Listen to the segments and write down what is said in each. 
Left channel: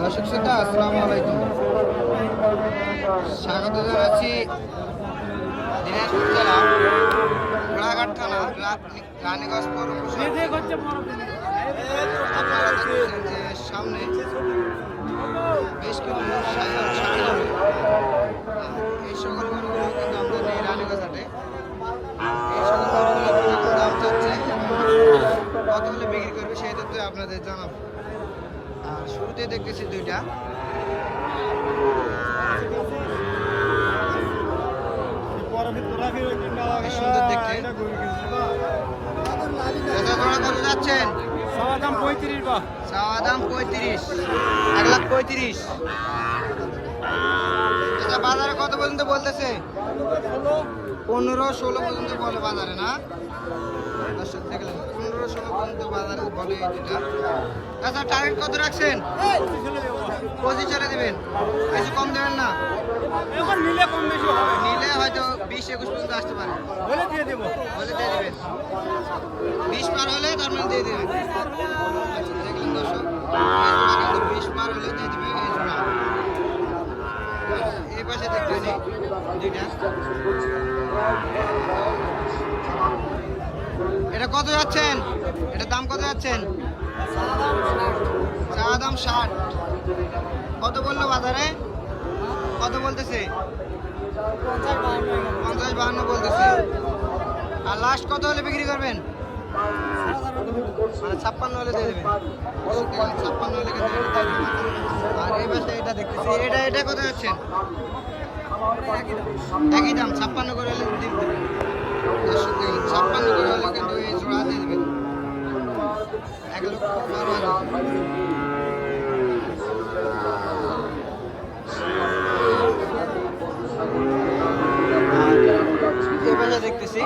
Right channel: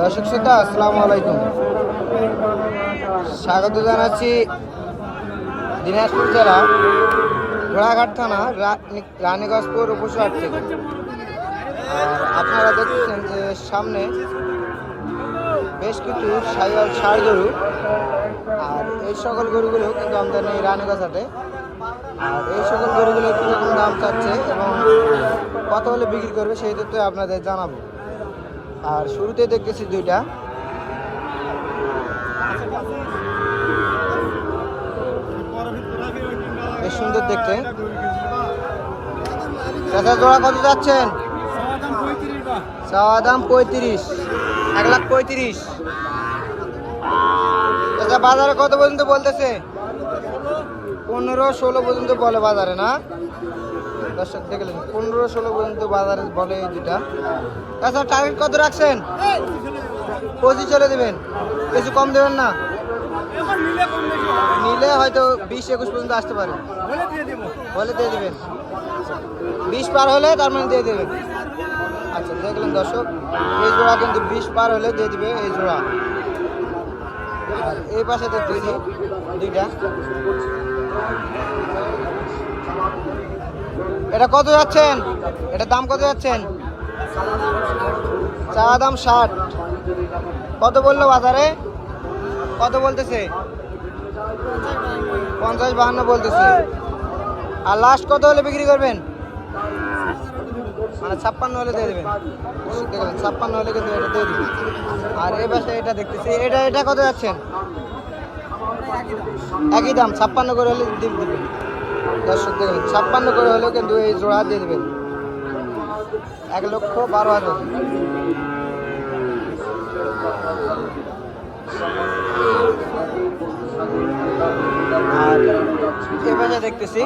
দর্শক শ্রোতা, আসসালামু আলাইকুম। স্বাগত জানাচ্ছি দিনাজপুর জেলা ঘোড়াঘাট থানা রানীগঞ্জপুর উপশহর থেকে। আপনারা দেখতেছেন যে সামনে বেশ কিছু সাইয়াল ষাড় গরু, আর এই সকল গরুগুলো কিন্তু আমরা নেই রানীগঞ্জ হাটে। আর এই সকল গরুগুলো কীরকম দাম চাচ্ছে এবং কত হলে বিক্রি করবে সেই তথ্য আপনাদের জানাব। আর শুরুতে দেখতেছি দুইটা। বেশ সুন্দর দেখতে। চাচা, জোড়া কত যাচ্ছেন? চাওয়া দাম পঁয়ত্রিশ। এক লাখ পঁয়ত্রিশ। চাচা, বাজারে কত পর্যন্ত বলতেছে? পনেরো, ষোলো পর্যন্ত বলে বাজারে, না? দর্শক দেখলেন পনেরো ষোলো পর্যন্ত বাজারে বলে এই দুটা তাছাড়া টার্গেট কত রাখছেন? পঁচিশ চলে দেবেন। কিছু কম দেবেন না? নিলে হয়তো বিশ একুশ পর্যন্ত আসতে পারে। বলে দিয়ে দেবেন। বিশ পার হলে তার মানে দিয়ে দেবেন। আচ্ছা দেখলেন দর্শক এই জোড়া কিন্তু বিশ পার হলে দিয়ে দিবে এই জোড়া। এই পাশে দেখতেছি দুইটা। এটা কত যাচ্ছেন? এটা দাম কত যাচ্ছেন? চা দাম ষাট। কত বলল বাজারে? কত বলতেছে? পঞ্চাশ বাহান্ন বলতেছে। আর লাস্ট কত হলে বিক্রি করবেন? মানে ছাপ্পান্ন হলে দিয়ে দেবেন। ছাপ্পান্ন হলে কিন্তু এটা দিয়ে দিবেন। আর এই পাশে এটা দেখতেছি। এটা এটা কত যাচ্ছেন? একই দাম। ছাপ্পান্ন করে হলে দিয়ে দিবেন। দর্শক দেখলেন ছাপ্পান্ন করে হলেও কিন্তু এই জোড়া দিয়ে দেবেন। এক লক্ষ বারো হাজার। আর দেখতেছি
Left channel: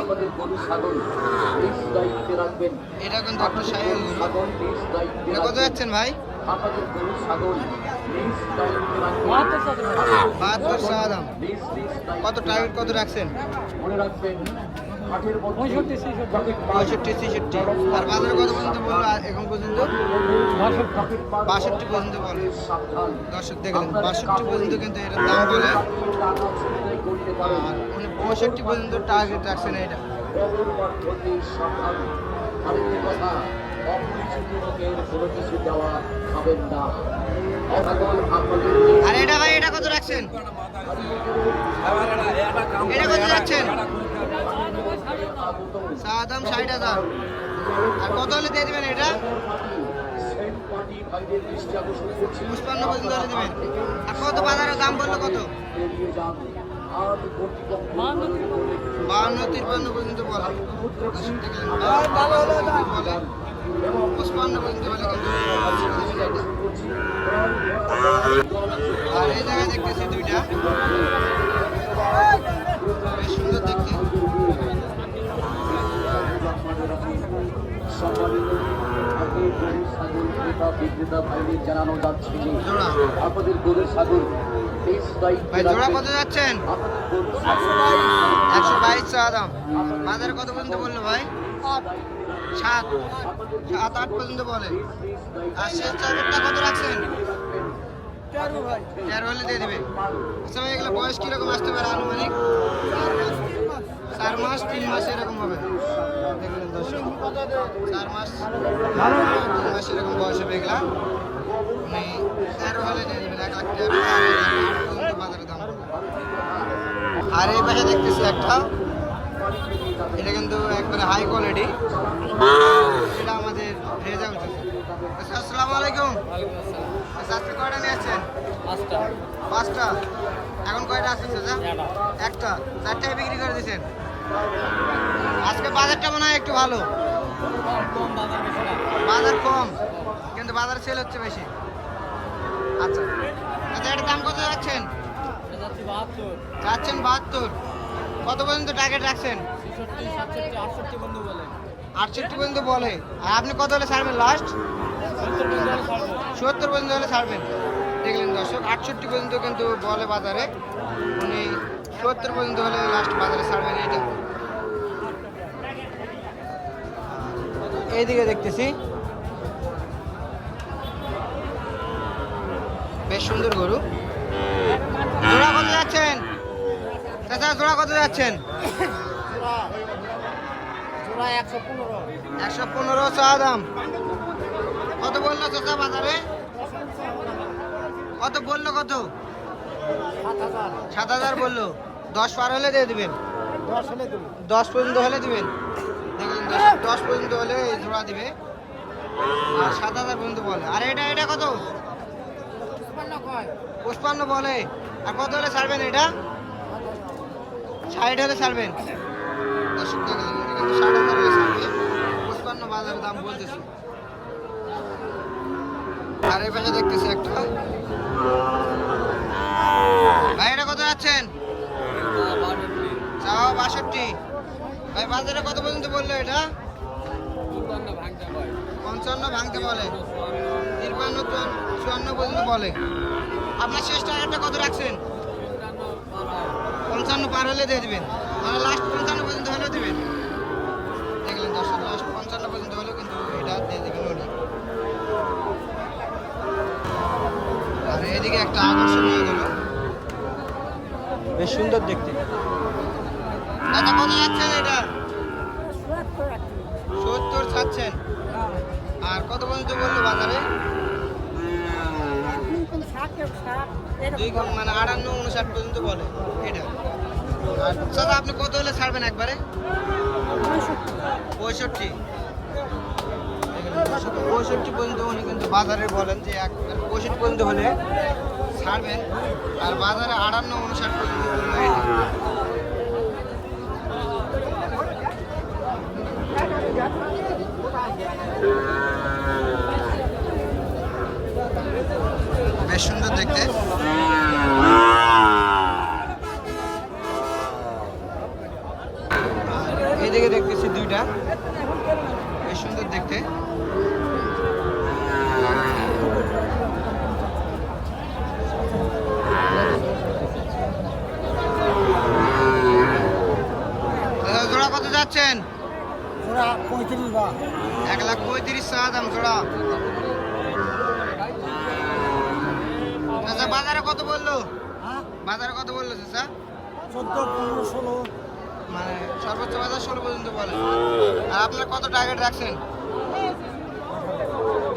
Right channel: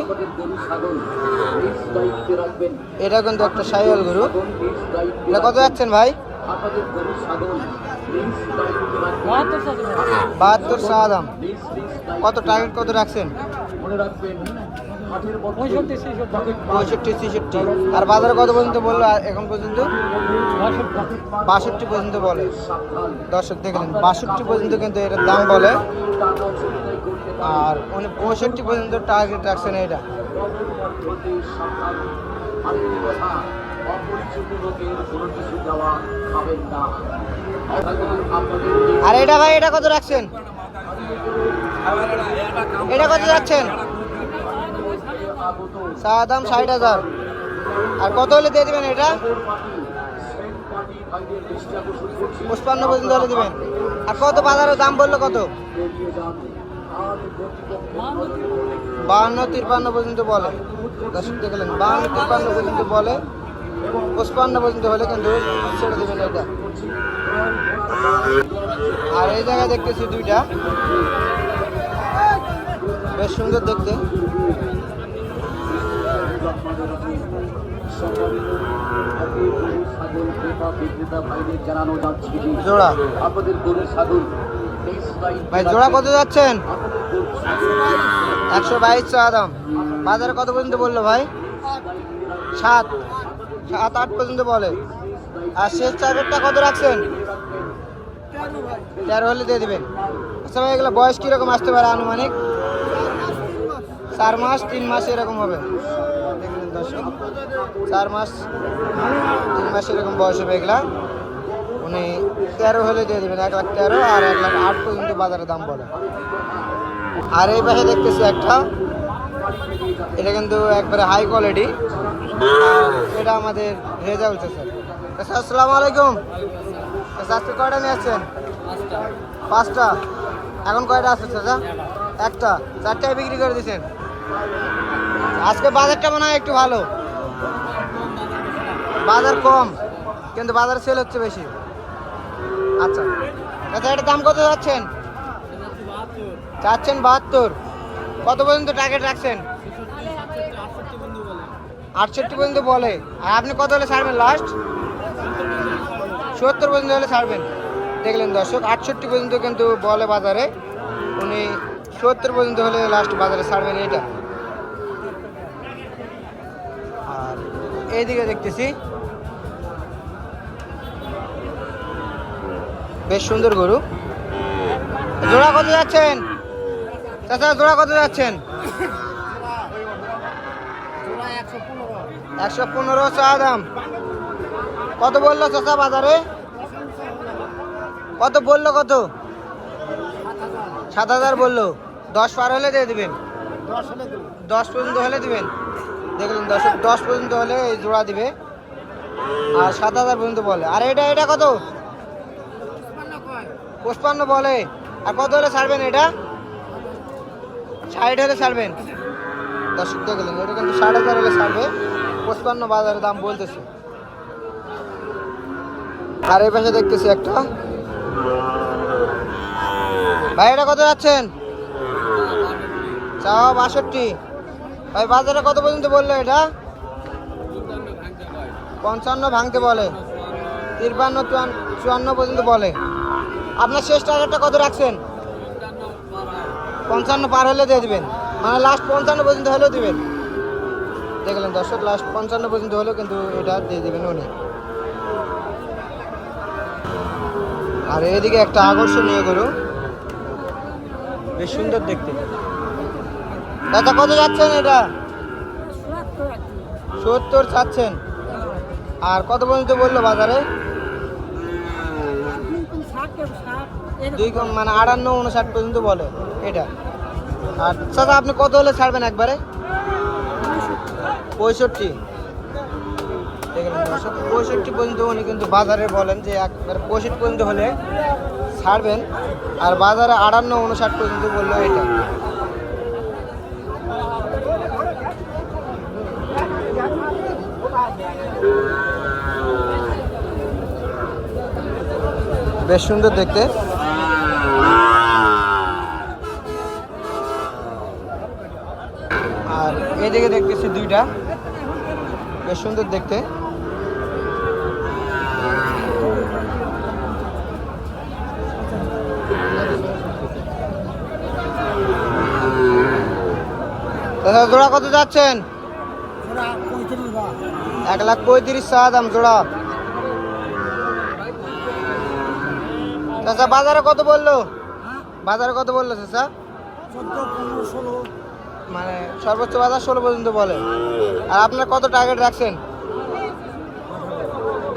এটা কিন্তু একটা সাইকেল গরু। এটা কত যাচ্ছেন ভাই? বাহাত্তর চা দাম। কত টার্গেট কত রাখছেন? পঁয়ষট্টি, ছেষট্টি। আর বাজারে কত পর্যন্ত বলল এখন পর্যন্ত? বাষট্টি পর্যন্ত বলে। দর্শক দেখলেন, বাষট্টি পর্যন্ত কিন্তু এটার দাম বলে। আর উনি পঁয়ষট্টি পর্যন্ত টার্গেট রাখছেন এটা আর এটা ভাই, এটা কত রাখছেন? এটা কত যাচ্ছেন চা দাম ষাট হাজার। আর কত হলে দিয়ে দিবেন এটা? পুষ্পান্ন পর্যন্ত হলে দিবেন। আর কত বাজারের দাম বলল কত? বাহান্ন, তিরপান্ন পর্যন্ত বলে। দর্শক দেখলেন, বাহান্ন, তিরপান্ন পর্যন্ত বলে। পুষ্পান্ন পর্যন্ত হলে কিন্তু আর এই জায়গায় দেখতেছি দুইটা। বেশ সুন্দর দেখতে। ভাই, জোড়া কত যাচ্ছেন? একশো বাইশ চা দাম। বাজারে কত পর্যন্ত বলল ভাই? সাত। সাত, আট পর্যন্ত বলে। আর শেষ চার্জেরটা কত রাখছেন? তেরো হলে দিয়ে দেবেন। আচ্ছা এগুলো বয়স কীরকম আসতে পারে আনুমানিক? চার মাস, তিন মাস এরকম হবে। চার মাস, তিন মাস এরকম বয়স হবে এগুলা। উনি তেরো হলে দিয়ে দেবেন, এক লাখ তেরো আর এক লাখ আট পর্যন্ত বাজারে দাম বলে। আর এই পাশে দেখতেছি একটা, এটা কিন্তু একবারে হাই কোয়ালিটি এটা আমাদের রেজাউল স্যার আচ্ছা আসসালামু আলাইকুম। আচ্ছা আজকে কয়টা নিয়ে আসছেন? পাঁচটা। এখন কয়টা আছে, চাচা? একটা। চারটায় বিক্রি করে দিয়েছেন আজকে বাজারটা মনে হয় একটু ভালো। বাজার কম, কিন্তু বাজার সেল হচ্ছে বেশি। আচ্ছা। আচ্ছা এটার দাম কত যাচ্ছেন? চাচ্ছেন বাহাত্তর। কত পর্যন্ত টার্গেট রাখছেন? আটষট্টি পর্যন্ত বলে। আর আপনি কত হলে ছাড়বেন লাস্ট সত্তর পর্যন্ত হলে ছাড়বেন। দেখলেন দর্শক, আটষট্টি পর্যন্ত কিন্তু বলে বাজারে। উনি সত্তর পর্যন্ত হলে লাস্ট বাজারে ছাড়বেন এটা। আর এইদিকে দেখতেছি। বেশ সুন্দর গরু। জোড়া কত যাচ্ছেন? তাছাড়া জোড়া কত যাচ্ছেন? একশো পনেরো। চা দাম। কত বলল চাচা বাজারে? কত বলল কত? সাত হাজার বলল। দশ পার হলে দিয়ে দিবেন। দশ পর্যন্ত হলে দিবেন। দেখলেন দশ দশ পর্যন্ত হলে এই জোড়া দিবে। আর সাত হাজার পর্যন্ত বলে। আর এটা এটা কত? পঁচপান্ন বলে। আর কত হলে ছাড়বেন এটা? ষাট হলে ছাড়বেন। দর্শক, দেখলেন, এটা কিন্তু ষাট হাজার হলে ছাড়বে। পঁচপান্ন বাজারের দাম বলতেছে। আর এই পাশে দেখতেছি একটা। ভাই, এটা কত যাচ্ছেন? চাও বাষট্টি। ভাই, বাজারে কত পর্যন্ত বলল এটা? পঞ্চান্ন ভাঙতে বলে। তিরপান্ন চুয়ান্ন- পর্যন্ত বলে। আপনার শেষ টার্গেটটা কত রাখছেন? পঞ্চান্ন পার হলে দিয়ে দেবেন। মানে লাস্ট পঞ্চান্ন পর্যন্ত হলেও দিবেন। দেখলেন দর্শক লাস্ট পঞ্চান্ন পর্যন্ত হলেও কিন্তু এটা দিয়ে দেবেন উনি। আর এদিকে একটা আকর্ষণীয় গরু। বেশ সুন্দর দেখতে। দাদা কত যাচ্ছেন এটা? সত্তর চাচ্ছেন। আর কত পর্যন্ত বলল বাজারে? দুই মানে আটান্ন উনষাট পর্যন্ত বলে এটা। আর দাদা আপনি কত হলে ছাড়বেন একবারে? পঁয়ষট্টি। পঁয়ষট্টি পর্যন্ত উনি কিন্তু বাজারে বলেন যে একবার পঁয়ষট্টি পর্যন্ত হলে ছাড়বেন। আর বাজারে আটান্ন উনষাট পর্যন্ত বলল এটা। বেশ সুন্দর দেখতে। আর এদিকে দেখতেছি দুইটা। বেশ সুন্দর দেখতে। দাদা জোড়া কত যাচ্ছেন? এক লাখ পঁয়ত্রিশ চা দাম জোড়া। চাচা, বাজারে কত বলল? বাজারে কত বলল চাচা? মানে সর্বোচ্চ বাজার ষোলো পর্যন্ত বলে। আর আপনার কত টার্গেট রাখছেন?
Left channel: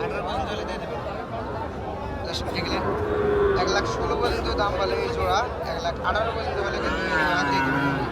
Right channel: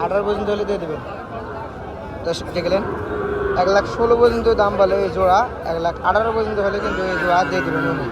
আঠারো পর্যন্ত হলে দিয়ে দেবেন। দর্শক দেখলেন এক লাখ ষোলো পর্যন্ত দাম বলে এই জোড়া, এক লাখ আঠারো পর্যন্ত হলে কিন্তু এই জোড়া দিয়ে দেবেন। উনি